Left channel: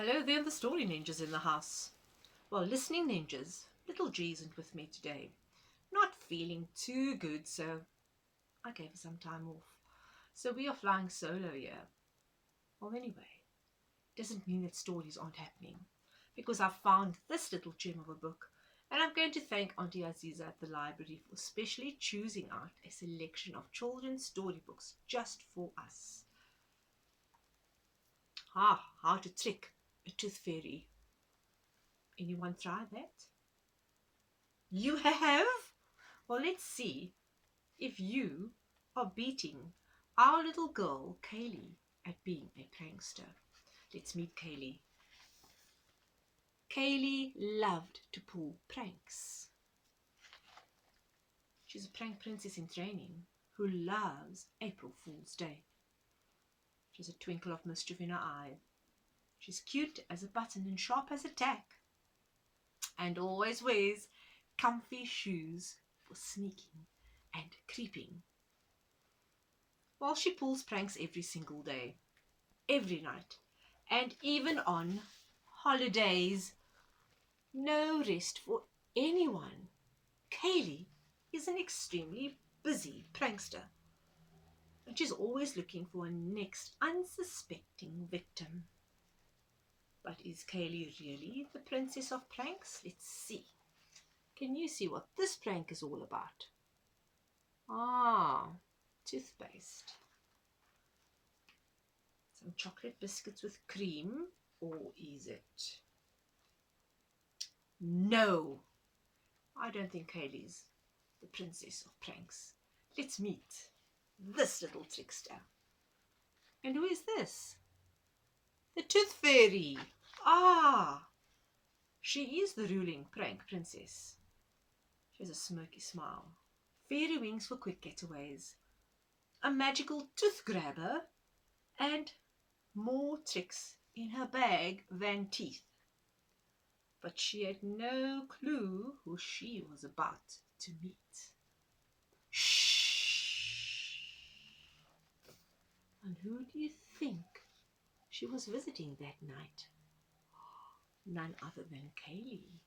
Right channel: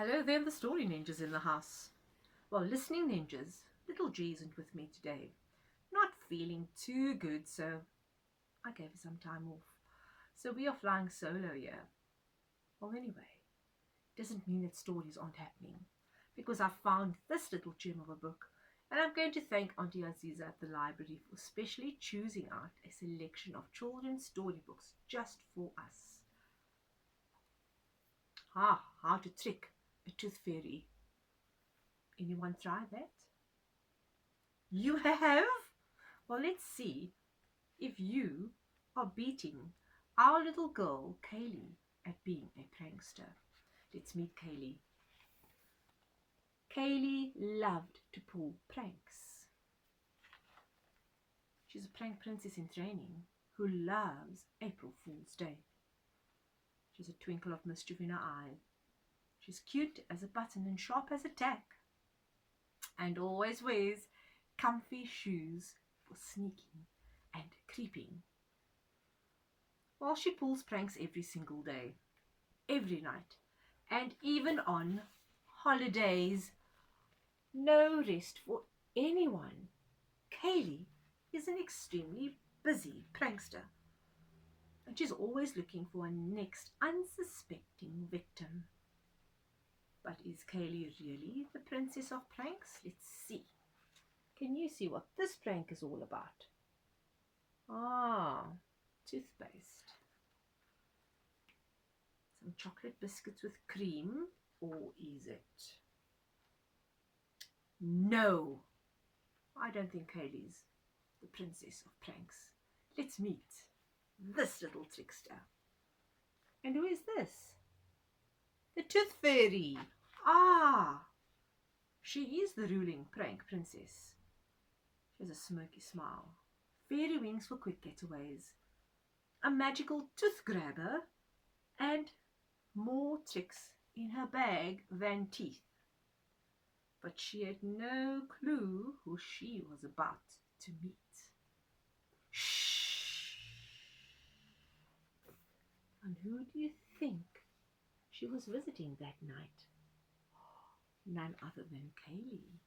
Hello there, the story ninjas in the house. Well, listening ninjas, little G isn't with me today. Not feeling too good, so I gave her some time off. So we are flying solo here. Well, anyway, doesn't mean that stories aren't happening, because I found this little gem of a book, and I'm going to thank Auntie Aziza at the library for specially choosing out a selection of children's storybooks just for us. How to trick a tooth fairy. Anyone try that? You have? Well, let's see if you are beating our little girl, Kaylee, at being a prankster. Let's meet Kaylee. Kaylee loved to pull pranks. She's a prank princess in training who loves April Fool's Day. She has a twinkle of mischief in her eye. She's cute as a button and sharp as a tack, and always wears comfy shoes for sneaking and creeping. Well, she pulls pranks every single day, every night, and even on holidays. No rest for anyone. Kaylee is an extremely busy prankster, and she's always looking for a next unsuspecting victim. But is Kaylee really the princess of pranks? Let's see. Can you see what this prank is all about? Toothpaste. Some chocolate biscuits with cream, or is it? No, I don't think Kaylee's the princess of pranks. Let's meet this little trickster. And who is this? The Tooth Fairy. She is the ruling prank princess. She has a smirky smile, fairy wings for quick getaways, a magical tooth grabber, and more tricks in her bag than teeth. But she had no clue who she was about to meet. Shh! And who do you think she was visiting that night? None other than Kaylee.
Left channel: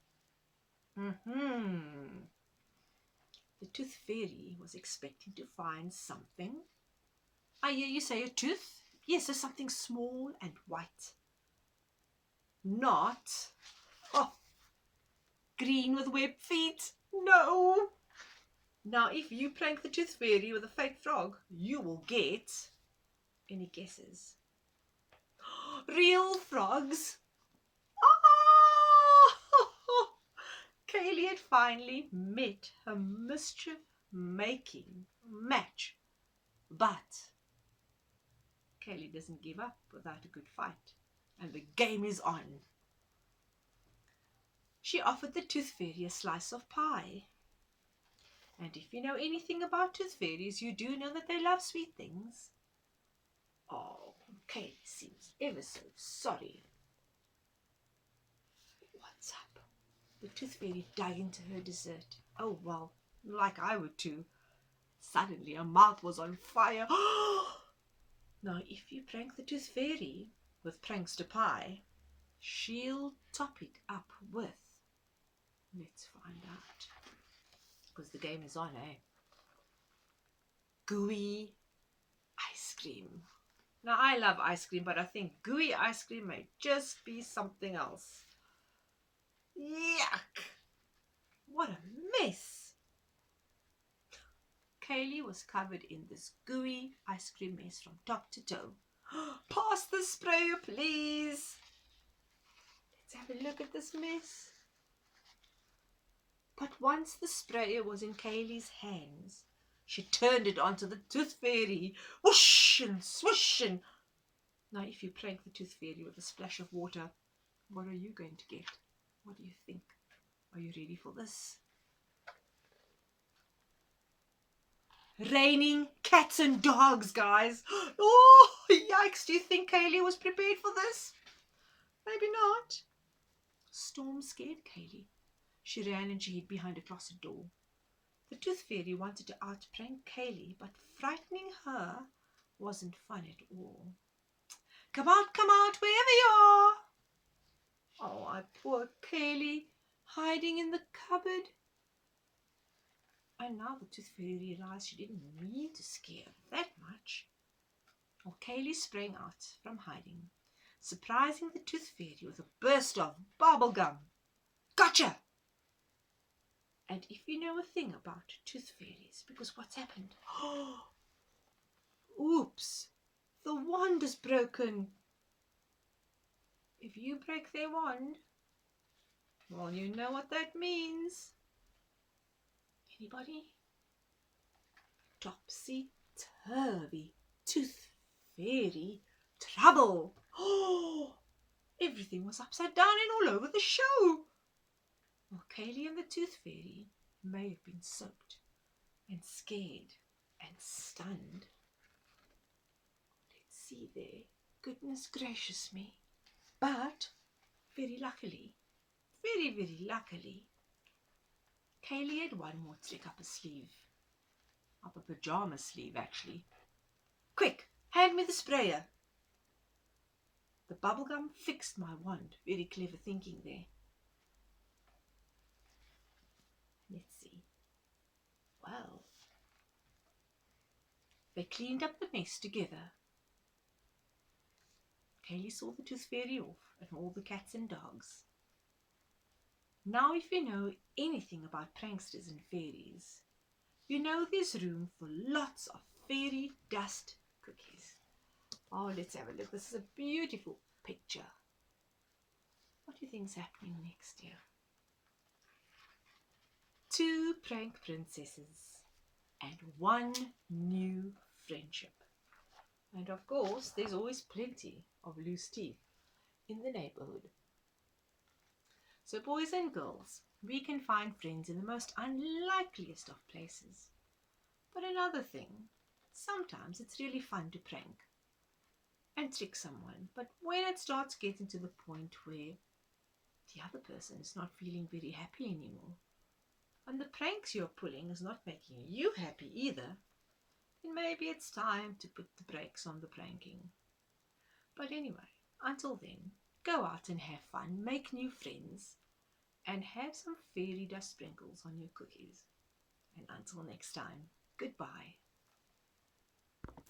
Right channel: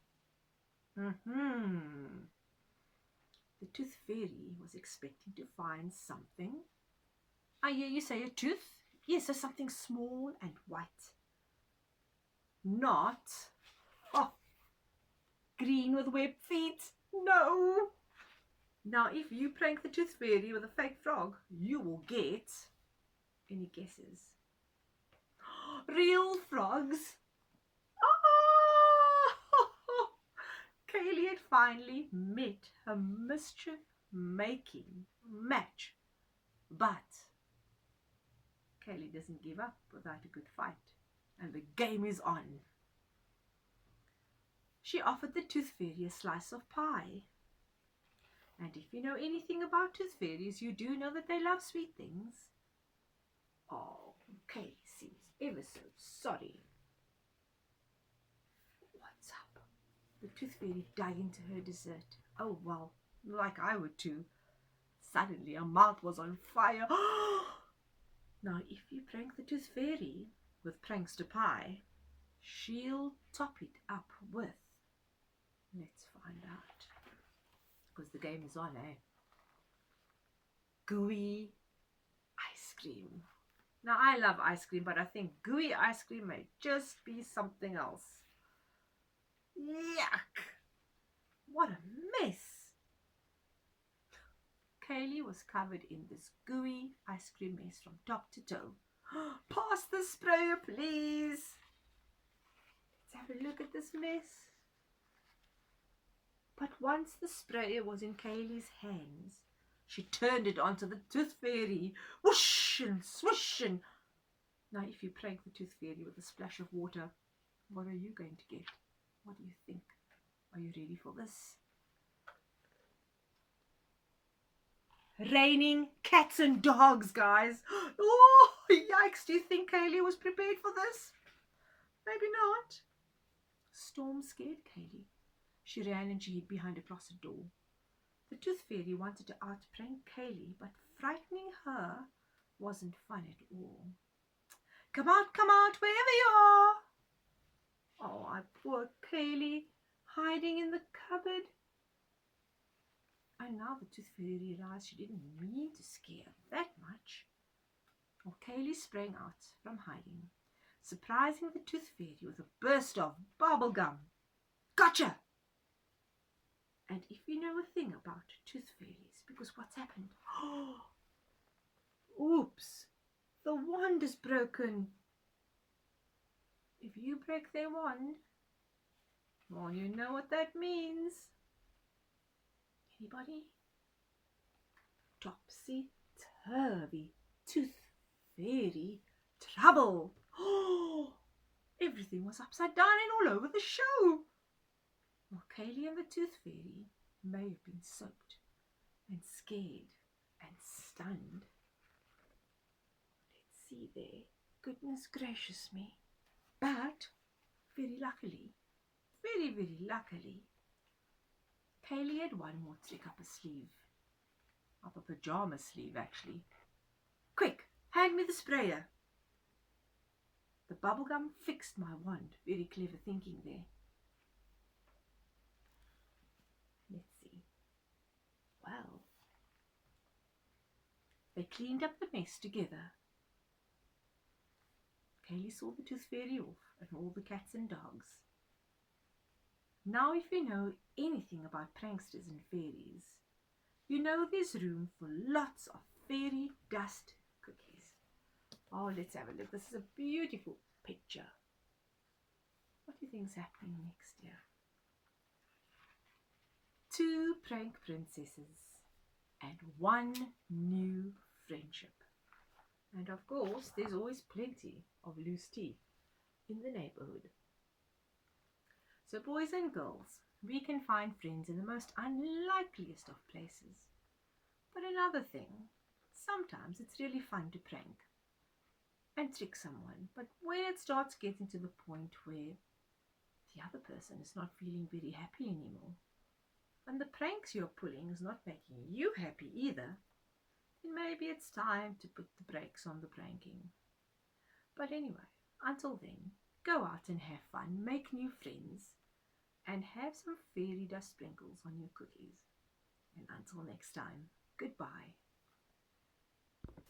The Tooth Fairy was expecting to find something. I hear you say a tooth? Yes, so something small and white. Not green with webbed feet. No. Now, if you prank the Tooth Fairy with a fake frog, you will get... Any guesses? Real frogs. Kaylee had finally met her mischief-making match. But Kaylee doesn't give up without a good fight, and the game is on. She offered the Tooth Fairy a slice of pie. And if you know anything about tooth fairies, you do know that they love sweet things. Oh, Kaylee seems ever so sorry. What's up? The Tooth Fairy dug into her dessert. Oh, well, like I would too. Suddenly her mouth was on fire. Now, if you prank the Tooth Fairy with prankster pie, she'll top it up with... Let's find out. Because the game is on, eh? Gooey ice cream. Now, I love ice cream, but I think gooey ice cream may just be something else. Yuck! What a mess! Kaylee was covered in this gooey ice cream mess from top to toe. Pass the sprayer, please. Let's have a look at this mess. But once the sprayer was in Kaylee's hands, she turned it onto the Tooth Fairy. Whoosh and swoosh and... Now, if you prank the Tooth Fairy with a splash of water, what are you going to get? What do you think? Are you ready for this? Raining cats and dogs, guys. Oh, yikes. Do you think Kaylee was prepared for this? Maybe not. Storm scared Kaylee. She ran and she hid behind a closet door. The Tooth Fairy wanted to out-prank Kaylee, but frightening her wasn't fun at all. Come out, wherever you are. Poor Kaylee, hiding in the cupboard. And now the Tooth Fairy realized she didn't mean to scare her that much. Well, Kaylee sprang out from hiding, surprising the Tooth Fairy with a burst of bubble gum. Gotcha! And if you know a thing about Tooth Fairies, because what's happened? Oops! The wand is broken. If you break their wand, well, you know what that means. Anybody? Topsy-turvy, Tooth Fairy trouble. Oh! Everything was upside down and all over the show. Well, Kaylee and the Tooth Fairy may have been soaked and scared and stunned. Let's see there. Goodness gracious me. But very luckily, very luckily, Kaylee had one more trick up her sleeve. Up a pajama sleeve, actually. Quick, hand me the sprayer. The bubblegum fixed my wand. Very clever thinking there. Let's see. Well, they cleaned up the mess together. Kaylee saw the Tooth Fairy off and all the cats and dogs. Now, if you know anything about pranksters and fairies, you know there's room for lots of fairy dust cookies. Oh, let's have a look. This is a beautiful picture. What do you think's happening next here? 2 prank princesses and 1 new friendship. And of course, there's always plenty of loose teeth in the neighborhood. So boys and girls, we can find friends in the most unlikeliest of places. But another thing, sometimes it's really fun to prank and trick someone. But when it starts getting to the point where the other person is not feeling very happy anymore, and the pranks you're pulling is not making you happy either, then maybe it's time to put the brakes on the pranking. But anyway, until then, go out and have fun, make new friends, and have some fairy dust sprinkles on your cookies. And until next time, goodbye.